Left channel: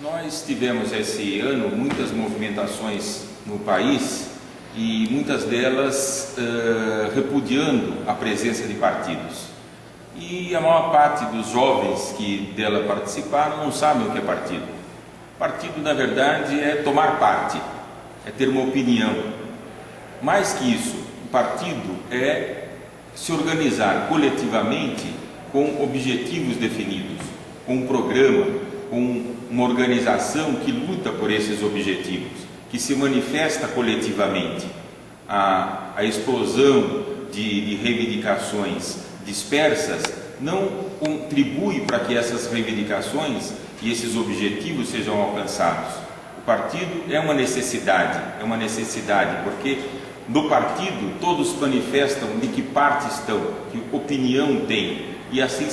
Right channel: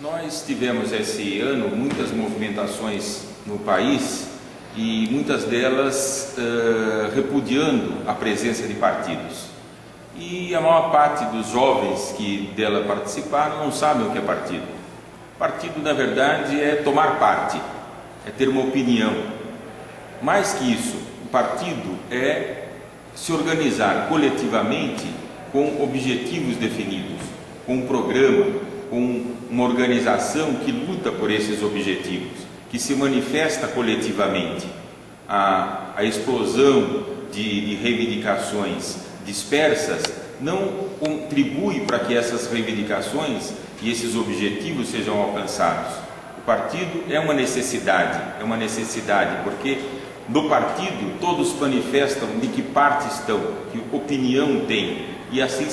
Nós tivemos esse ano muitas movimentações no país e muitas delas repudiando a presença de partidos. E a maior parte dos jovens que dela participaram não sabem o que é partido. Partido, na verdade, é tomar parte, é ter uma opinião. Mais que isso, o partido é se organizar coletivamente com objetivos definidos, com um programa, com uma organização que luta por esses objetivos, que se manifesta coletivamente. A explosão de reivindicações dispersas não contribui para que essas reivindicações e esses objetivos sejam alcançados. O partido é uma necessidade porque no partido todos manifestam de que parte estão, que opinião têm, e assim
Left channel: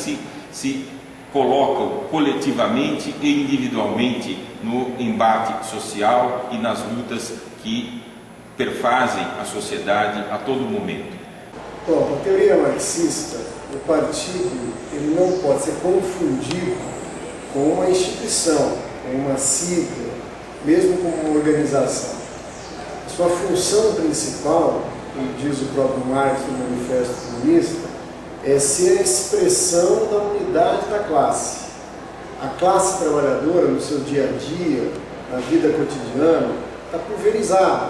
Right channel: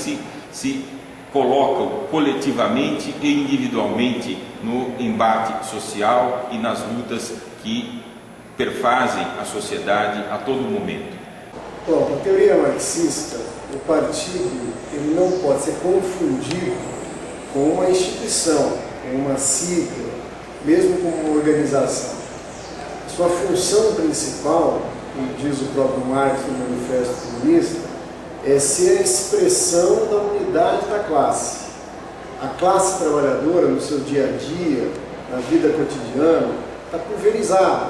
se colocam coletivamente e individualmente no embate social e nas lutas que perfazem a sociedade a todo momento. Bom, a teoria marxista, o partido ele não pode ser confundido com uma instituição, com uma sigla, mesmo com uma organização. A sua função principal, como diz o próprio Marx no Manifesto Comunista, é ser a expressão da unidade da classe. A classe trabalhadora, no seu dia a dia, na vida cotidiana, está pulverizada.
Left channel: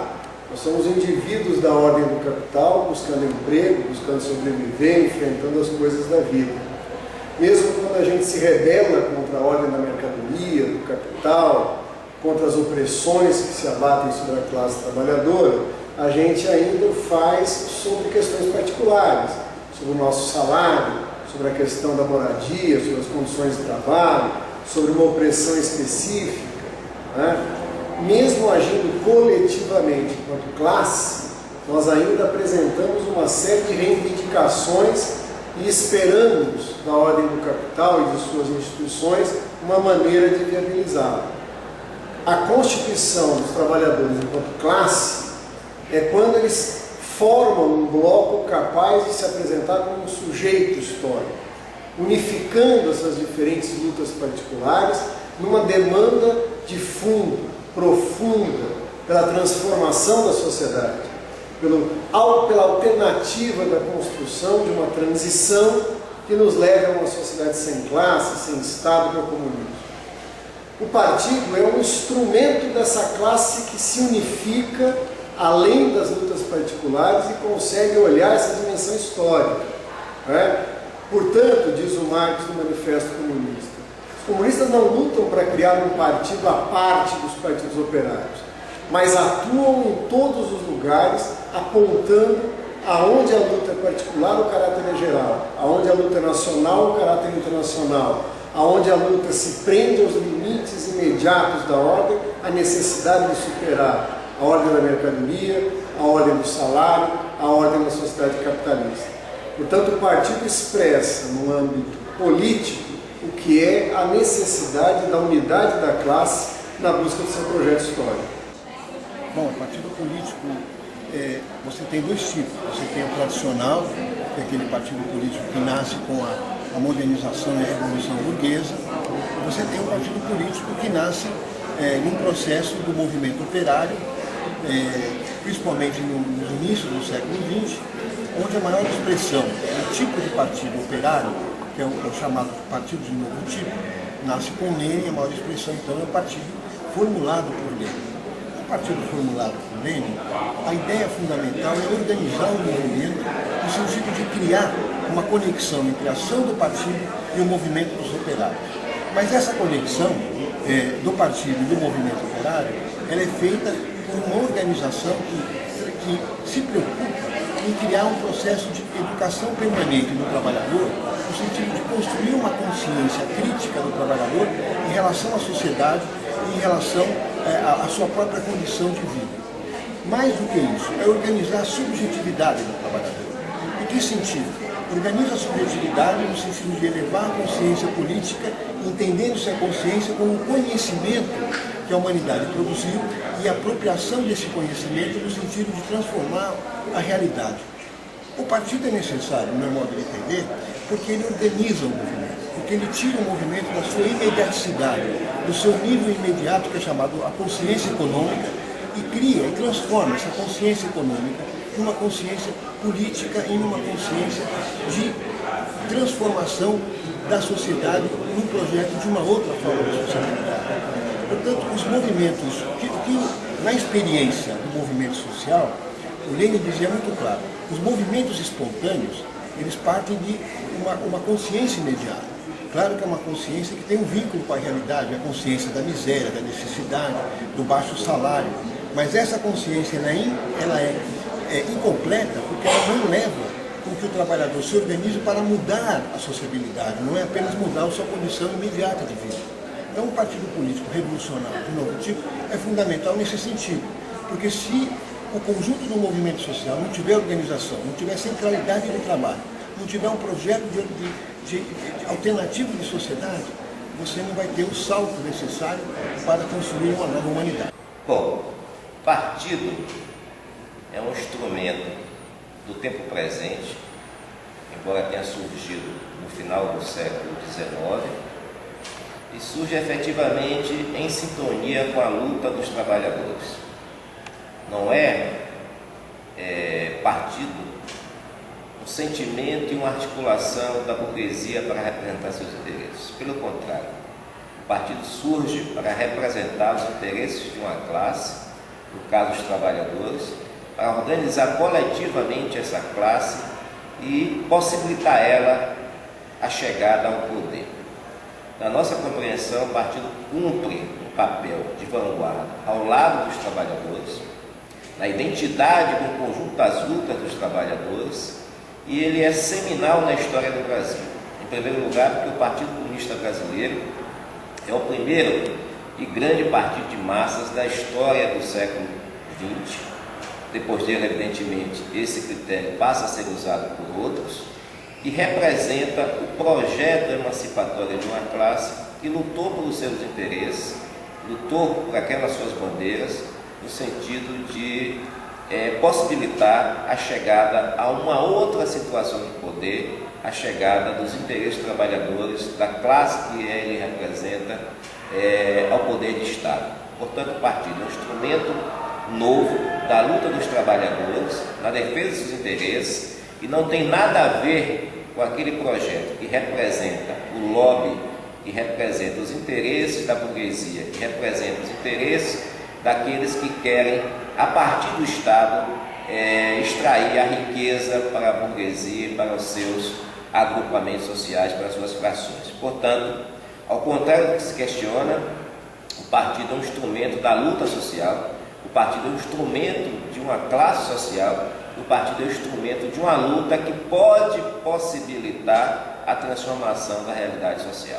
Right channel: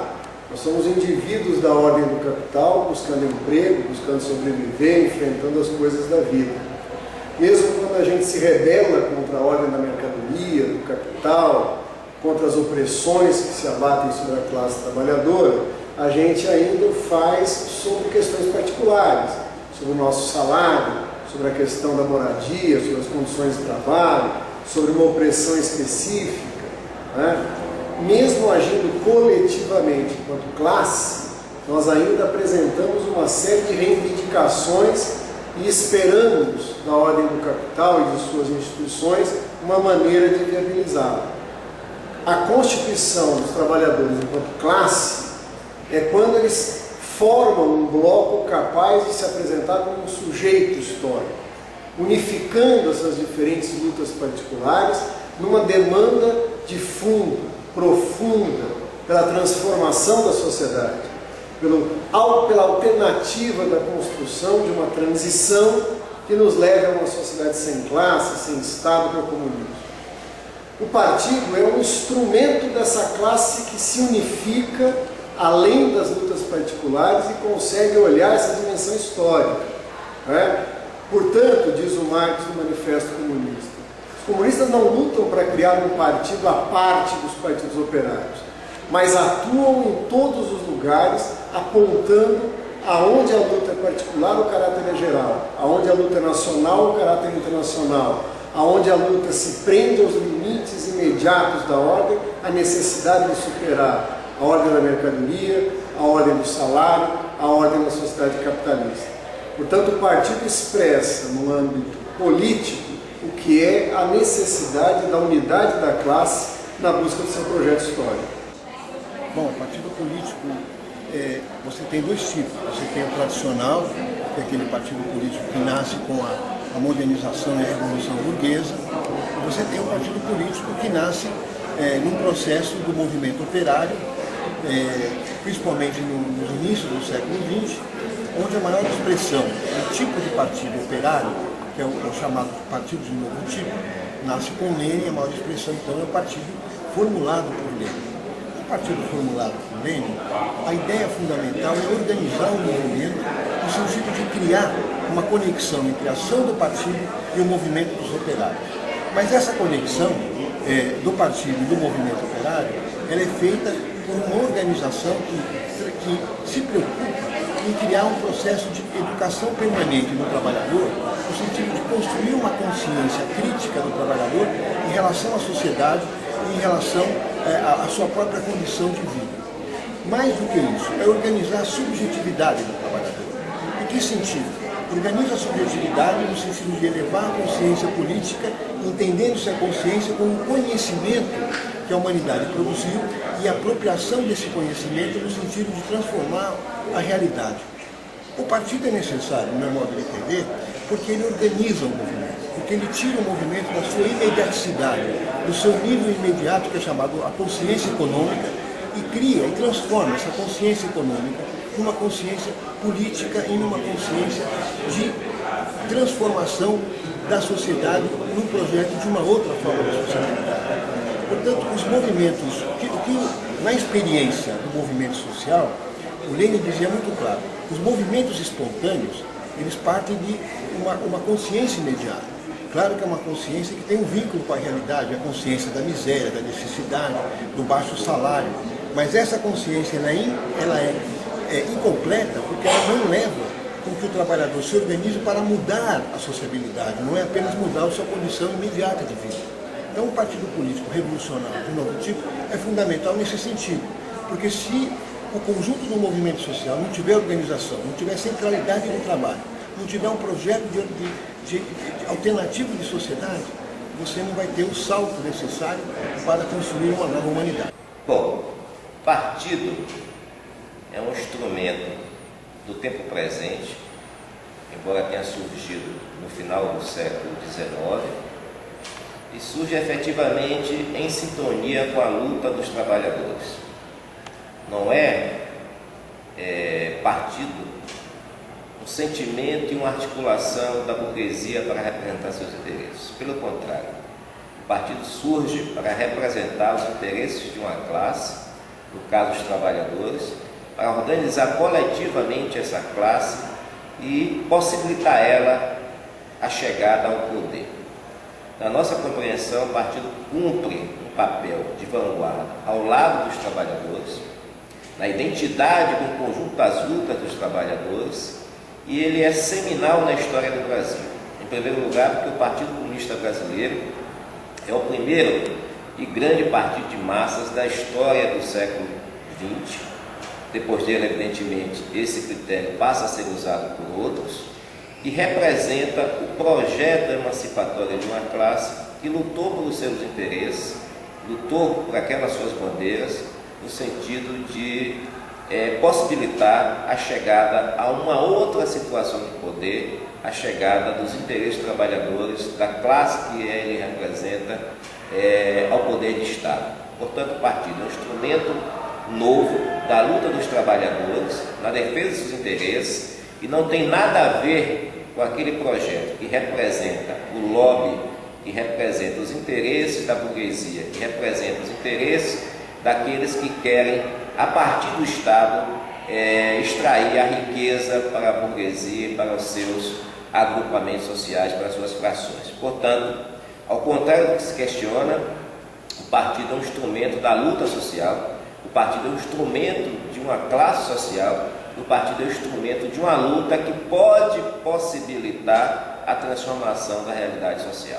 Nós somos indivíduos da ordem do capital, buscando emprego, buscando sobreviver, enfrentando as coisas da vida. Mesmo quando a gente se rebela contra a ordem da mercadoria, do capital, contra as opressões que se abatem sobre a classe trabalhadora, a gente ainda o faz sobre questões particulares, sobre o nosso salário, sobre a questão da moradia, sobre as condições de trabalho, sobre uma opressão específica, né? Mesmo agindo coletivamente enquanto classe, nós ainda apresentamos uma série de reivindicações e esperamos da ordem do capital e de suas instituições uma maneira de viabilizá-la. A constituição dos trabalhadores enquanto classe é quando eles formam um bloco capaz de se apresentar como um sujeito histórico, unificando essas diferentes lutas particulares numa demanda de fundo, profunda, pela transformação da sociedade, pela alternativa da construção de uma transição que nos leve a uma sociedade sem classe, sem Estado, para o comunismo. O partido é um instrumento dessa classe que se unifica além das lutas particulares e consegue olhar essa dimensão histórica, né? Portanto, diz o Marx no Manifesto Comunista, os comunistas não lutam para criar um partido à parte dos partidos operários, mas atuam em todos os lugares, apontando aonde a luta é particular, o caráter é geral, aonde a luta é nacional, o caráter é internacional, aonde a luta se prende aos limites imediatos da ordem, a necessidade de superar a ordem da mercadoria, a ordem do salário, a ordem da sociedade capitalista. Portanto, o partido expressa no âmbito político o que é a necessidade da unidade da classe na busca do seu projeto histórico. Bom, o partido político, você tem dois tipos. Você tem o tradicional, que é aquele partido político que nasce com a modernização e a revolução burguesa. E você tem o partido político que nasce num processo do movimento operário, principalmente nos inícios do século XX, onde a maior expressão do tipo de partido operário, que é o chamado partido de novo tipo, nasce com Lênin. A maior expressão, então, é o partido formulado por Lênin. O partido formulado por Lênin, a ideia fundamental é organizar o movimento no sentido de criar uma conexão entre a ação do partido e o movimento dos operários. Mas essa conexão do partido e do movimento operário, ela é feita por uma organização que se preocupa em criar um processo de educação permanente do trabalhador, no sentido de construir uma consciência crítica do trabalhador em relação à sociedade e em relação à sua própria condição de vida. Mais do que isso, é organizar a subjetividade do trabalhador. Em que sentido? Organiza a subjetividade no sentido de elevar a consciência política, entendendo-se a consciência como um conhecimento que a humanidade produziu e a apropriação desse conhecimento no sentido de transformar a realidade. O partido é necessário, no meu modo de entender, porque ele organiza o movimento. porque ele tira o movimento da sua imediaticidade, do seu nível imediato, que é chamado a consciência econômica, e cria e transforma essa consciência econômica numa consciência política e numa consciência de transformação da sociedade num projeto de uma outra forma de sociabilidade. Portanto, os movimentos, na experiência do movimento social, o Lenin dizia muito claro, os movimentos espontâneos, eles partem de uma consciência imediata. Claro que é uma consciência que tem um vínculo com a realidade, a consciência da miséria, da necessidade, do baixo salário. Mas essa consciência ela é incompleta porque ela não leva com que o trabalhador se organize para mudar a sociabilidade, não é apenas mudar a sua condição imediata de vida. Então, um partido político revolucionário de novo tipo é fundamental nesse sentido, porque se o conjunto do movimento social não tiver organização, não tiver centralidade no trabalho, não tiver um projeto de alternativo de sociedade, você não vai ter o salto necessário para construir uma nova humanidade. Bom, partido é um instrumento do tempo presente, embora tenha surgido no final do século XIX, e surge efetivamente em sintonia com a luta dos trabalhadores. Não é partido um sentimento e uma articulação da burguesia para representar seus interesses. Pelo contrário, o partido surge para representar os interesses de uma classe, no caso os trabalhadores, para organizar coletivamente essa classe e possibilitar ela a chegada ao poder. Na nossa compreensão, o partido cumpre um papel de vanguarda ao lado dos trabalhadores, na identidade do conjunto das lutas dos trabalhadores, e ele é seminal na história do Brasil. Em primeiro lugar, porque o Partido Comunista Brasileiro é o primeiro e grande partido de massas da história do século XX. Depois dele, evidentemente, esse critério passa a ser usado por outros, e representa o projeto emancipatório de uma classe que lutou pelos seus interesses, lutou por aquelas suas bandeiras, no sentido de possibilitar a chegada a uma outra situação de poder, a chegada dos interesses trabalhadores, da classe que ele representa, ao poder de Estado. Portanto, o partido é um instrumento novo da luta dos trabalhadores, na defesa dos seus interesses, e não tem nada a ver com aquele projeto que representa o lobby, que representa os interesses da burguesia, que representa os interesses daqueles que querem, a partir do Estado, extrair a riqueza para a burguesia, para os seus agrupamentos sociais, para as suas frações. Portanto, ao contrário do que se questiona, o partido é um instrumento da luta social, o partido é um instrumento de uma classe social, o partido é um instrumento de uma luta que pode possibilitar a transformação da realidade social.